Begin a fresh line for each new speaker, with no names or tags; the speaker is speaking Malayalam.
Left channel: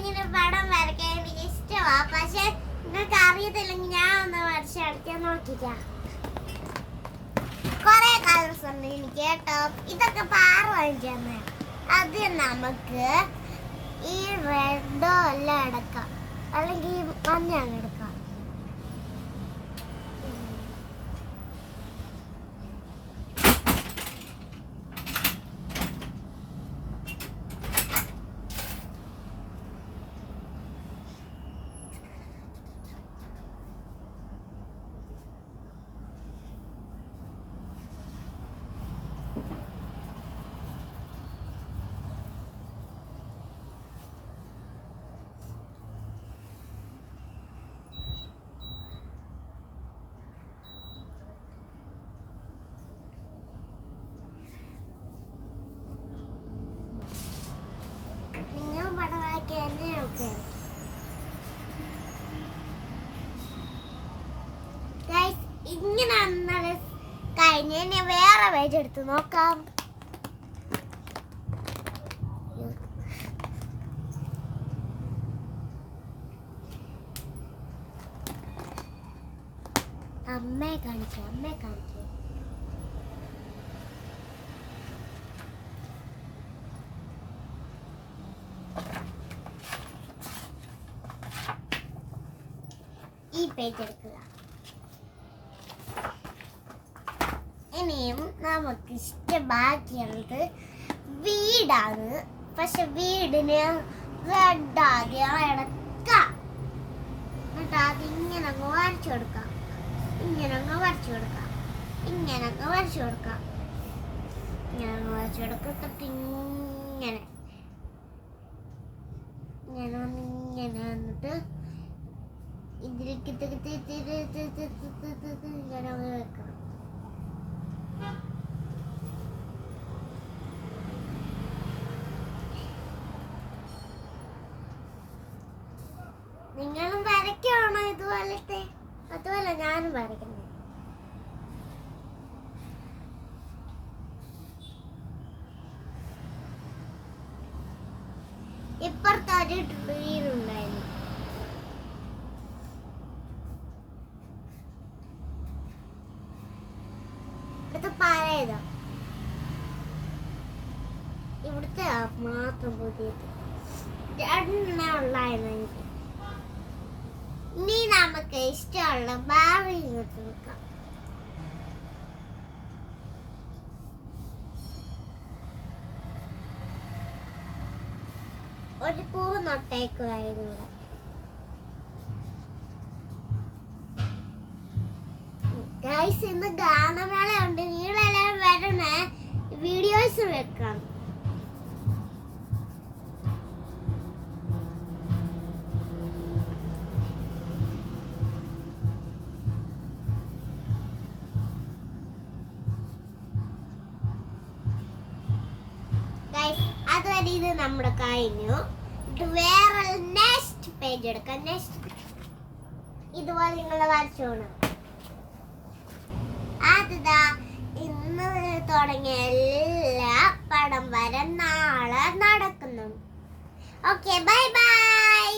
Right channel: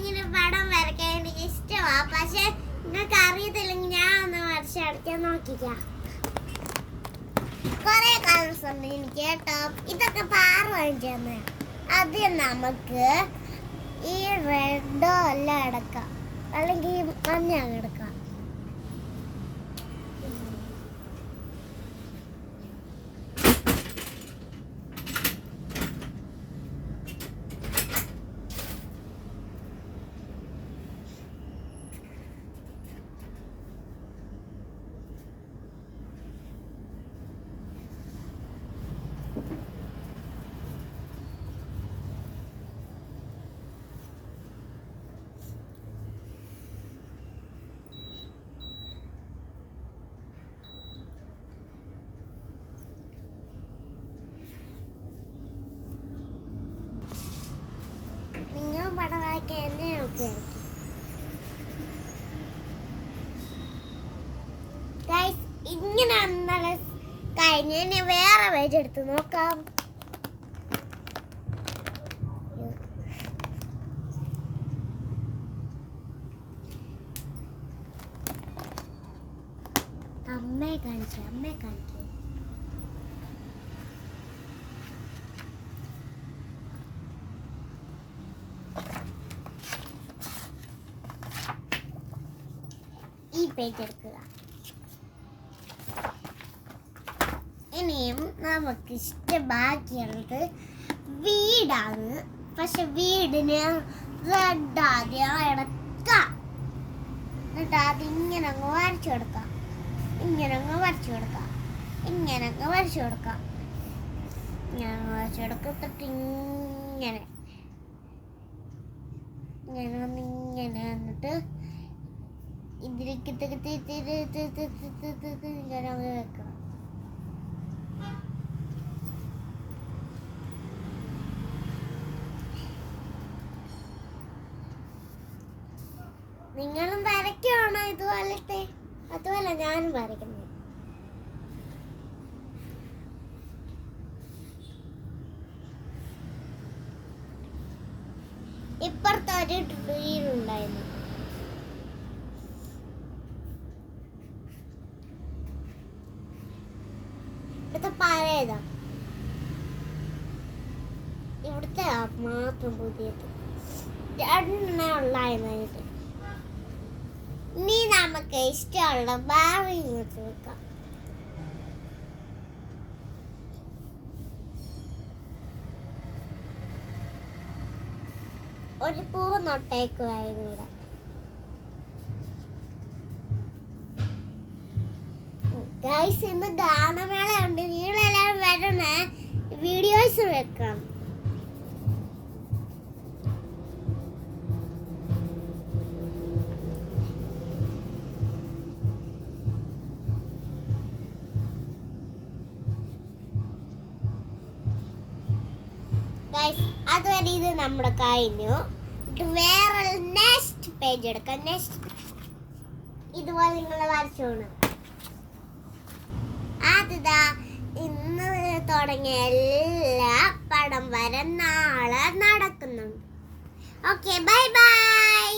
ഇങ്ങനെ പടം വരയ്ക്കാൻ എനിക്ക് ഇഷ്ടമാ പക്ഷെ നിങ്ങൾക്ക് അറിയത്തില്ലെങ്കിൽ ഞാൻ ഒന്ന് വരച്ചടിക്കാൻ നോക്കിക്കാം. കൊറേ കളേഴ്സ് ഉണ്ട് എനിക്ക് കേട്ടോ. ഇതൊക്കെ പാറ വാങ്ങിച്ചു തന്നെ ആദ്യം നമുക്ക് ഈ റെഡോ എല്ലാം എടുക്കാം അല്ലെങ്കിൽ മഞ്ഞ എടുക്കാം നിങ്ങൾ പടം വരയ്ക്കാൻ എന്നെ നോക്കിയാണ് ഗൈസ് ഇങ്ങനെ അന്നലെ കഴിഞ്ഞ വേറെ പേജ് എടുത്ത് നോക്കാം. അമ്മയെ കാണിച്ചു അമ്മയെ കാണിച്ചു. ഈ പേജ് എടുക്കുക. ഇനിയും നമുക്ക് ഇഷ്ടം ബാക്കിയുള്ളത് വീടാണ്. പക്ഷെ വീടിന് റെഡ് ആദ്യം എന്നിട്ട് അതിങ്ങനെ അങ്ങ് വരച്ചു കൊടുക്കാം. ഇങ്ങനെ അങ്ങ് വരച്ചു കൊടുക്കാം. ഇങ്ങനെ അങ്ങ് വരച്ചു കൊടുക്കാം. ഇങ്ങനെ വരച്ചു കൊടുക്കത്തിട്ട് ഇങ്ങനെ. ഇങ്ങനെ വന്നിങ്ങനെ വന്നിട്ട് ഇതിലേക്ക് ഇങ്ങനെ അങ്ങ് വെക്കണം നിങ്ങളും വരയ്ക്കുവാണോ ഇതുപോലത്തെ അതുപോലെ ഞാനും വരയ്ക്കുന്നു ഇപ്പുറത്ത് ഒരു ട്രീൻ ഉണ്ടായിരുന്നു ഇവിടുത്തെ പഴയതാ. ഇവിടുത്തെ മാത്രം പുതിയത്. രണ്ടെണ്ണം ഇനി നമുക്ക് ഇഷ്ടമുള്ള ഭാവി ഇങ്ങോട്ട് വെക്കാം. ഒരു പൂ നട്ടേക്കുമായിരുന്നു ഇവിടെ. ഗൈസ് ഇന്ന് ഗാനമേള ഉണ്ട് വരണേ വീഡിയോസ് വെക്കാം. അതുവരെ ഇത് നമ്മുടെ കഴിഞ്ഞു. വേറെ നെക്സ്റ്റ് പേജ് എടുക്കാം. നെക്സ്റ്റ് ഇതുപോലെ നിങ്ങൾ വരച്ചോണം. അതിതാ ഇന്ന് തുടങ്ങിയ എല്ലാ പടം വരെ നാളെ നടക്കുന്നു ഓക്കെ ബൈ ബൈ